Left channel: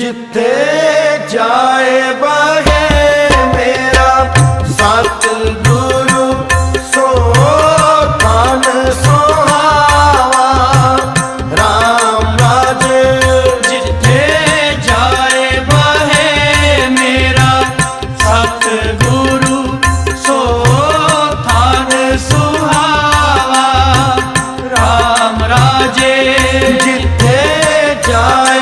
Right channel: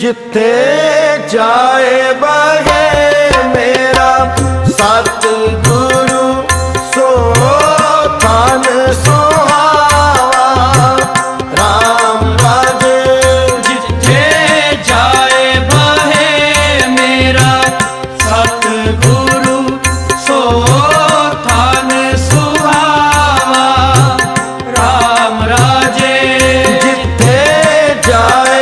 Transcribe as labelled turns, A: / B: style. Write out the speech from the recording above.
A: ਜਿੱਥੇ ਜਾਏ ਬਹੇ ਮੇਰਾ ਸਤ ਗੁਰੂ ਸੋ ਤਨ ਸੁਹਾਵਾ RAM ਰਾਜ
B: ਜਿੱਥੇ ਜਾਏ ਬਹੇ ਮੇਰਾ ਸਤ ਗੁਰੂ ਸੋ ਤਨ ਸੁਹਾਵਾ RAM ਰਾਜ
A: ਜਿੱਥੇ ਜਾਏ